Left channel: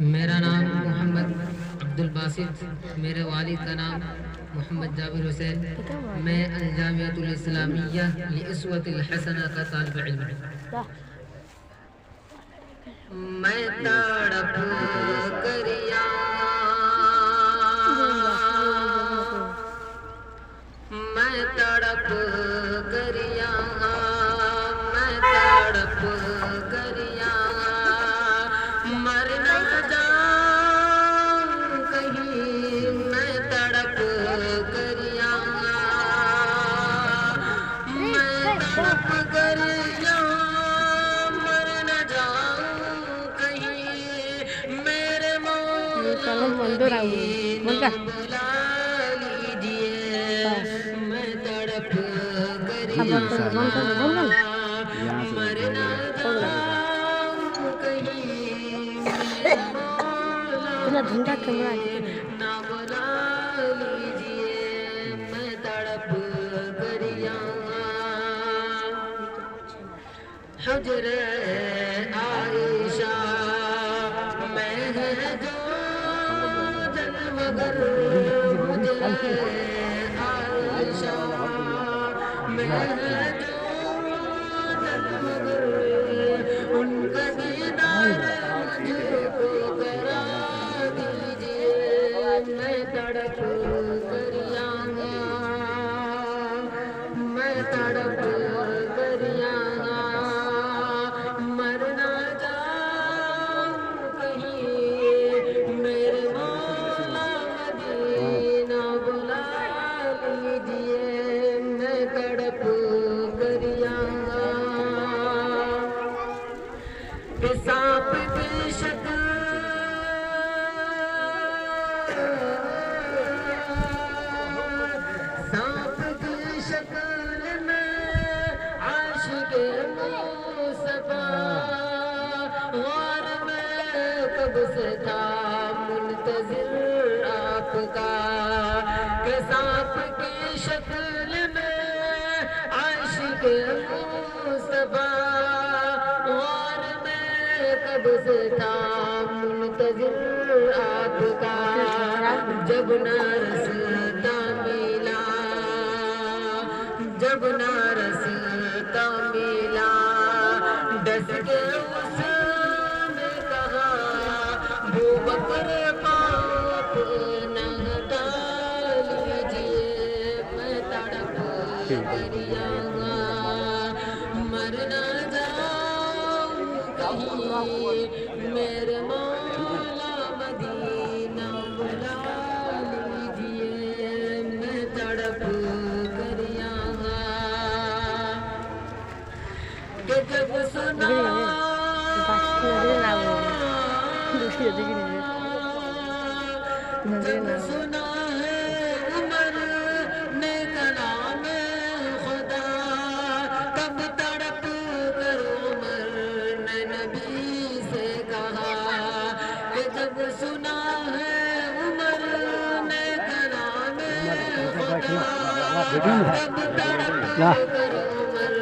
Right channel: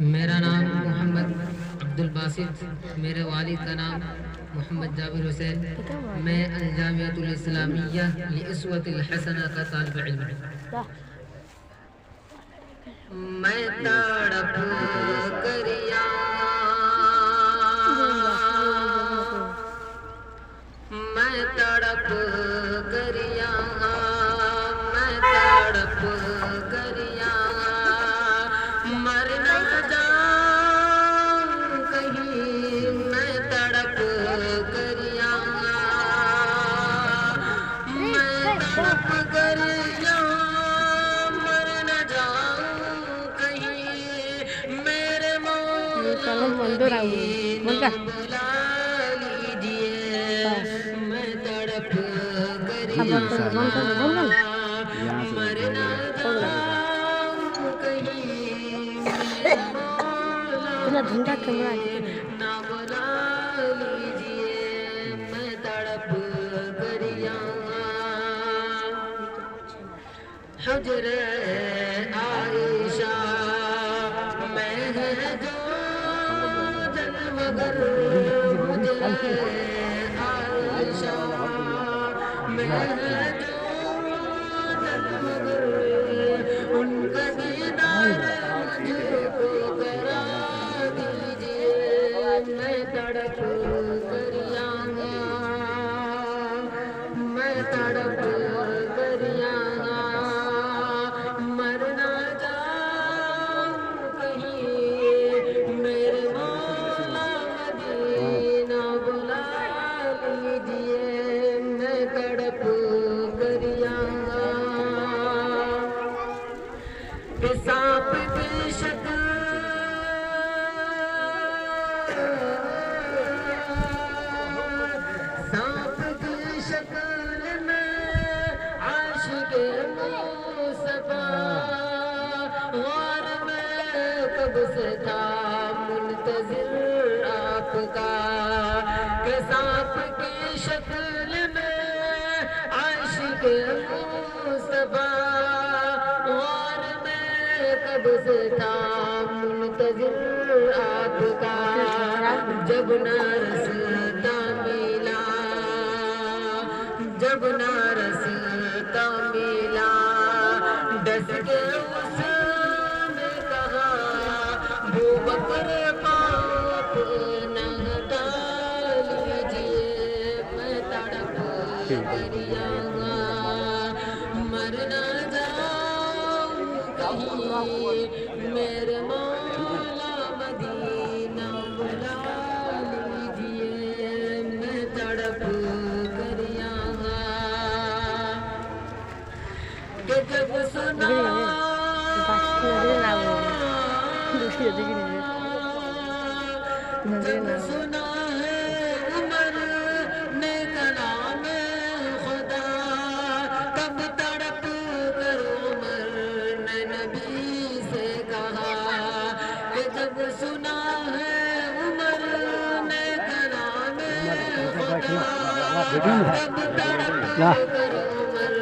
میرا نام محمد عبدالباسط، میرے والد کا نام محمد جابر حسین، میں الجامعۃ الاسلامیہ لاسوۃ الحسنہ کا طالب علم ہوں۔ میں تڑپ کر میں تڑپ کر میں تڑپ کر مر نہ جاؤں کہیں، میں تڑپ کر میں تڑپ کر مر نہ جاؤں کہیں، میرے مولا مدینہ بلا لیجئے، میں تڑپ کر مر نہ جاؤں کہیں، نہ بلا لیجئے، میں تڑپ کر حجر عائشہ میں ہے جو جلوگر، حجر عائشہ میں ہے جو جلوگر، ان کا دیدار مجھ کو کرا دیجئے، میں تڑپ کر میں تڑپ کر مر نہ جاؤں کہیں، میرے مولا مدینہ بلا لیجئے، میں تڑپ کر سانپ کی شکل سانپ کی شکل میں عاشق مصطفیٰ، غار میں کب سے تھا منتظر آپ کا، کہ سانپ کی شکل میں عاشق مصطفیٰ، غار میں کب سے تھا منتظر آپ کا، جب نہ رستا ملا، جب نہ رستا ملا، ڈس کے اس نے کہا بوبکر پاپ نہ ہٹا لیجئے، میں تڑپ کر مر نہ جاؤں کہیں، میرے مولا مدینہ بلا لیجئے، میں تڑپ کر کہ جب سنا جب سنا ہے عمر نے کلام خدا، تب تڑپ کر عمر نے نبی سے کہا، کہ جب سنا ہے عمر نے کلام خدا، تب تڑپ کر عمر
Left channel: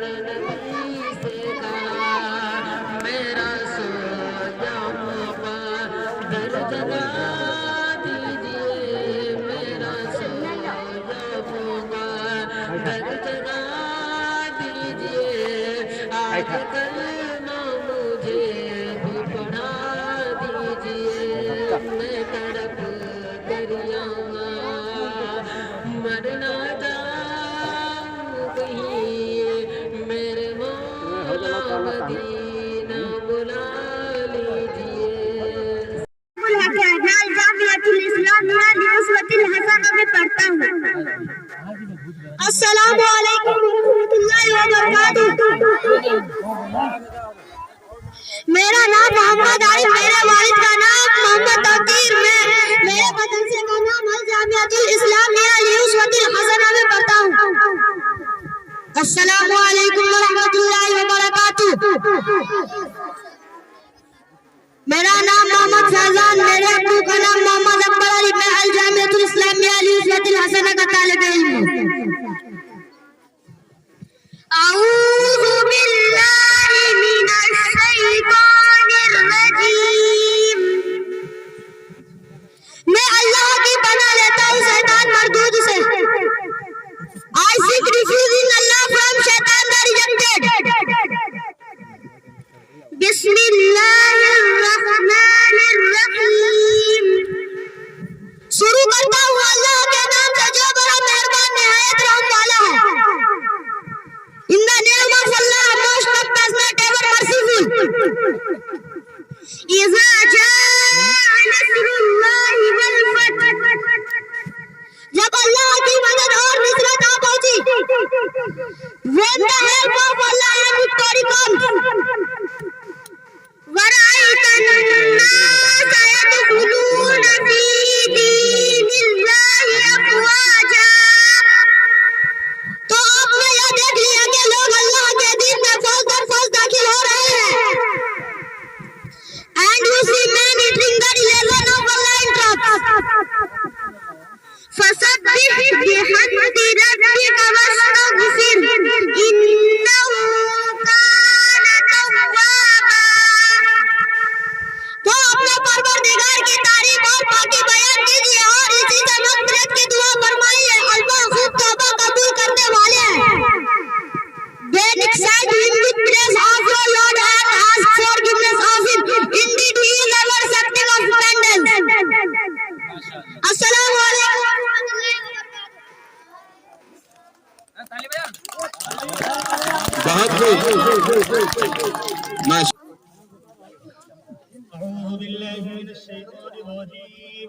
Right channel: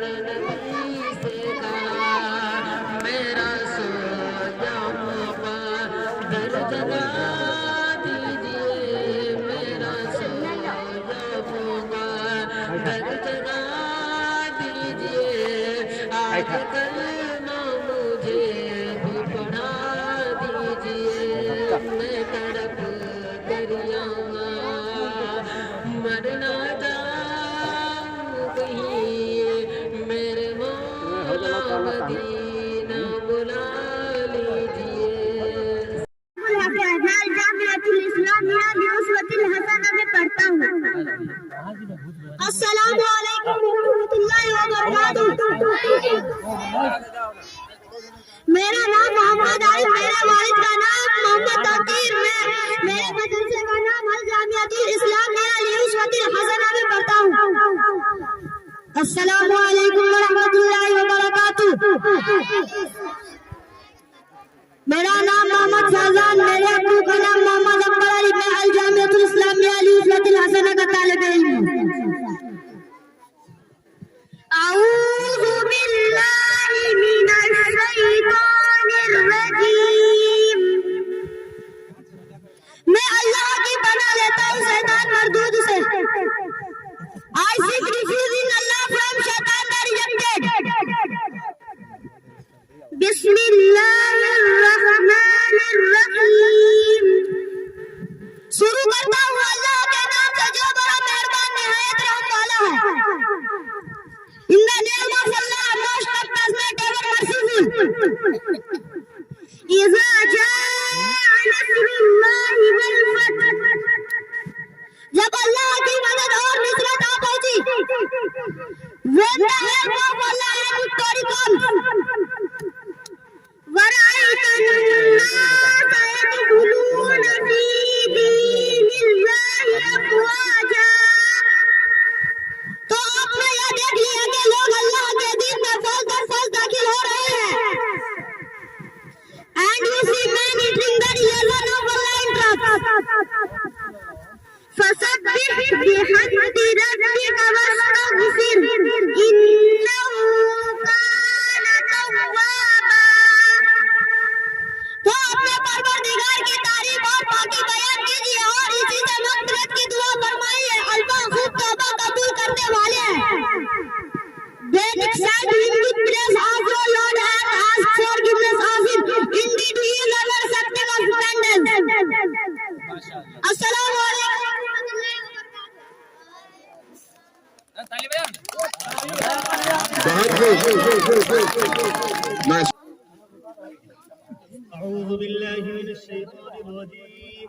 نے نبی سے کہا، میرا سویا موقع در جگہ دیجئے، میرا سویا موقع در جگہ دیجئے، آج کلمہ مجھے بھی پڑھا دیجئے، میں تڑپ کر مر نہ جاؤں کہیں، میرے مولا مدینہ بلا لیجئے۔ الجامعۃ الاسلامیہ لاسوۃ الحسنہ میں پڑھتا ہوں۔ السلام علیکم ورحمۃ اللہ وبرکاتہ۔ میرا نام محمد عارف، میرے والد کا نام محمد تقدیر، میرے مدرسے کا نام الجامعۃ الاسلامیہ لاسوۃ الحسنہ میں پڑھتا ہوں۔ السلام علیکم ورحمۃ اللہ وبرکاتہ۔ میرا نام محمد فیضان، میرے ابو کا نام محمد اکبر علی، میں الجامعۃ الاسلامیہ لاسوۃ الحسنہ کا طالب علم ہوں۔ اعوذ باللہ من الشیطان الرجیم، إذا جاء نصر الله والفتح جب اللہ کی مدد اور نصرت آ پہنچی when the help of Allah and victory comes ورأيت الناس يدخلون في دين الله أفواجا تو آپ نے یہ دیکھ لیا کہ لوگ اللہ کے دین میں فوج در فوج داخل ہو رہے ہیں and you see men entering the religion of Allah in trust فسبح بحمد ربك واستغفر إنه كان توابا تو اپنے پروردگار کی تعریف اور پاکی بیان کیجیے اور اسی سے مغفرت کی دعا فرمائیے اللہ خوب توبہ قبول کرنے والے ہیں Then accept him with praise of your Lord and ask forgiveness of him. Indeed, he is ever accepting of repentance. Assalamu alaikum wa rahmatullahi wa barakatuh. أعوذ بالله من الشيطان الرجيم.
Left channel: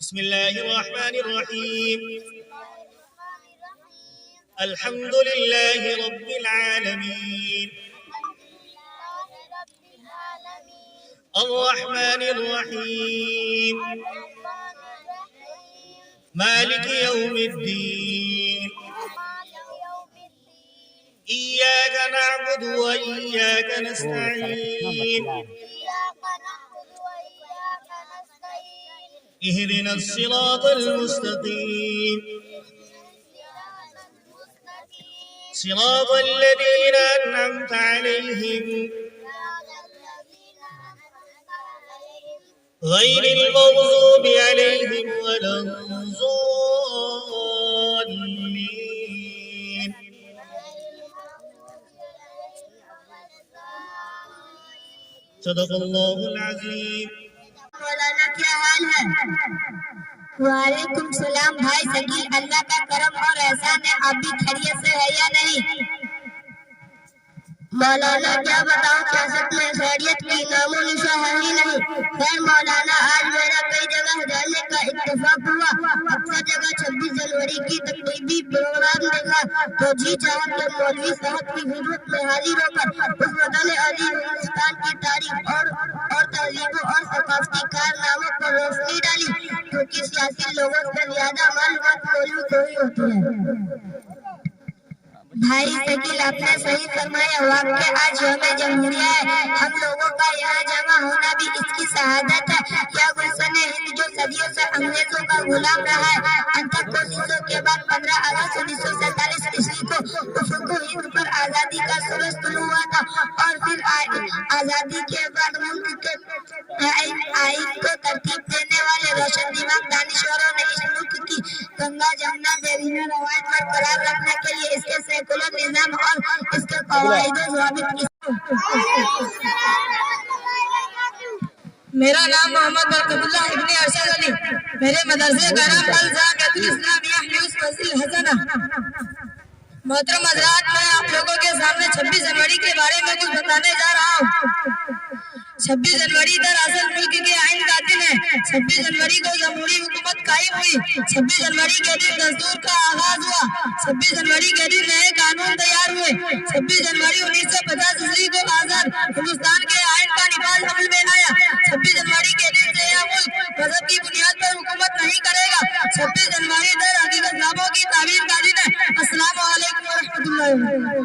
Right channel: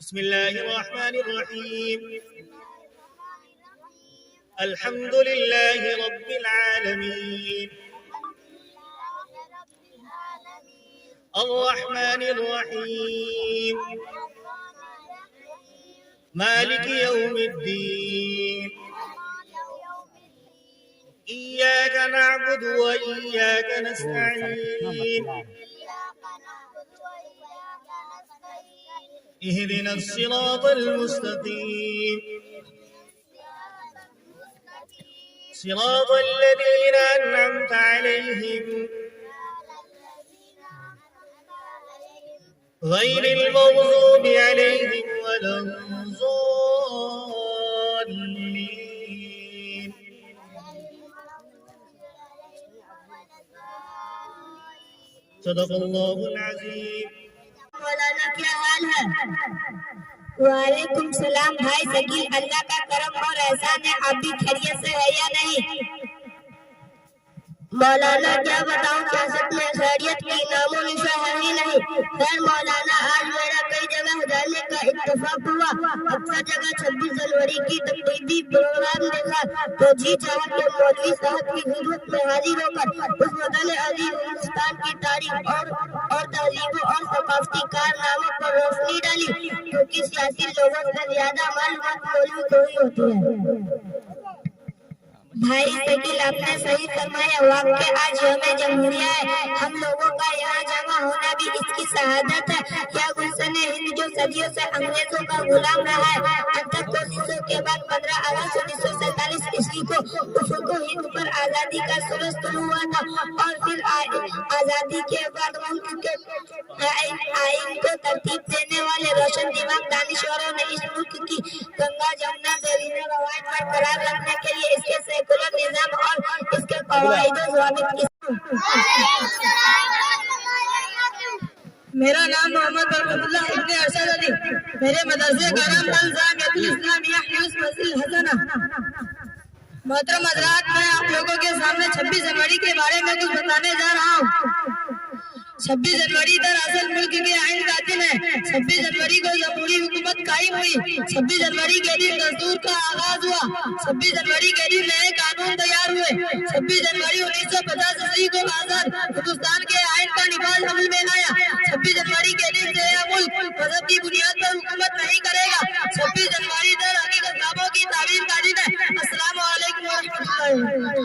بسم الله الرحمن الرحيم. الحمد لله رب العالمين الرحمن الرحيم مالك يوم الدين إياك نعبد وإياك نستعين اهدنا الصراط المستقيم صراط الذين أنعمت عليهم غير المغضوب عليهم ولا الضالين. صدق الله العظيم. مولانا کیا حال ہے؟ وعلیکم السلام بھائی شکیل اللہ کا کرم اور احسان ہے آپ بھی خیریت سے ہے یا نہیں؟ مولانا کیا بتاؤں سیاست میں خیریت کی نام و نشان ہے ہی نہیں. خیر مولانا آج میرا کئی جگہ جانے کا اتفاق ہوا اکثر جگہ 26 جنوری کی تقریبی پروگرام دیکھا تو جی چاہا کہ مولوی صاحب کی خدمت میں حاضر ہو کر اس وطن عزیز ہندوستان کی تاریخ اور تہذیبوں اور ثقافتی کارناموں پر روشنی ڈالی کیونکہ سیاسی لوگوں سے زیادہ معلومات مولوی کو ہی ہوتی ہے. بھائی شکیل آپ نے صحیح فرمایا واقع آج یوم جمہوریہ ہے ہم لوگوں کا یہاں جمع ہونا بھی اس کی شہادت ہے. کیا گلشن ہند جو صدیوں سے انگریزوں کا غلام رہا ہے انتک کوششوں کے بعد 15 اگست 1947 عیسوی کو افق ہند پر آزادی کا سورج طلوع ہوا تھا اور پھر آزادی کے بعد ملک کے آئین کو ترتیب دینے والے روشن دماغ دانشوروں نے اس ملک کی گنگا جمنا دیرینہ روایت برقرار رکھنے کے لیے اس کے سیکولر نظام اور اس کے قواعد و ضوابط کی. میرا نام محمد برکت اللہ ابن ارشد علی میرے مدرسے کا نام الجامعۃ الاسلامیہ حیوس مسجد الحسنہ. محترم حضرات میں آپ لوگوں کے سامنے 26 جنوری کے بارے میں کچھ بتانے جا رہا ہوں. 26 جنوری دراصل ملک کے آئین کا دن ہے. 26 جنوری کو جمہوری حکومت قائم ہوئی. 26 جنوری کے دن دستور کا آغاز ہوا. 26 جنوری کے دن نئے قانون تیار ہوئے. 26 جنوری 1950 عیسوی کو آزاد ہندوستان کے آئین کا نفاذ عمل میں آیا. 26 جنوری کے دن سے یہ ملک مذہب کی بنیاد پر حکومت نہیں کرے گا. 26 جنوری در حقیقت خوابوں کی تعبیر کا دن ہے. السلام علیکم ورحمۃ اللہ.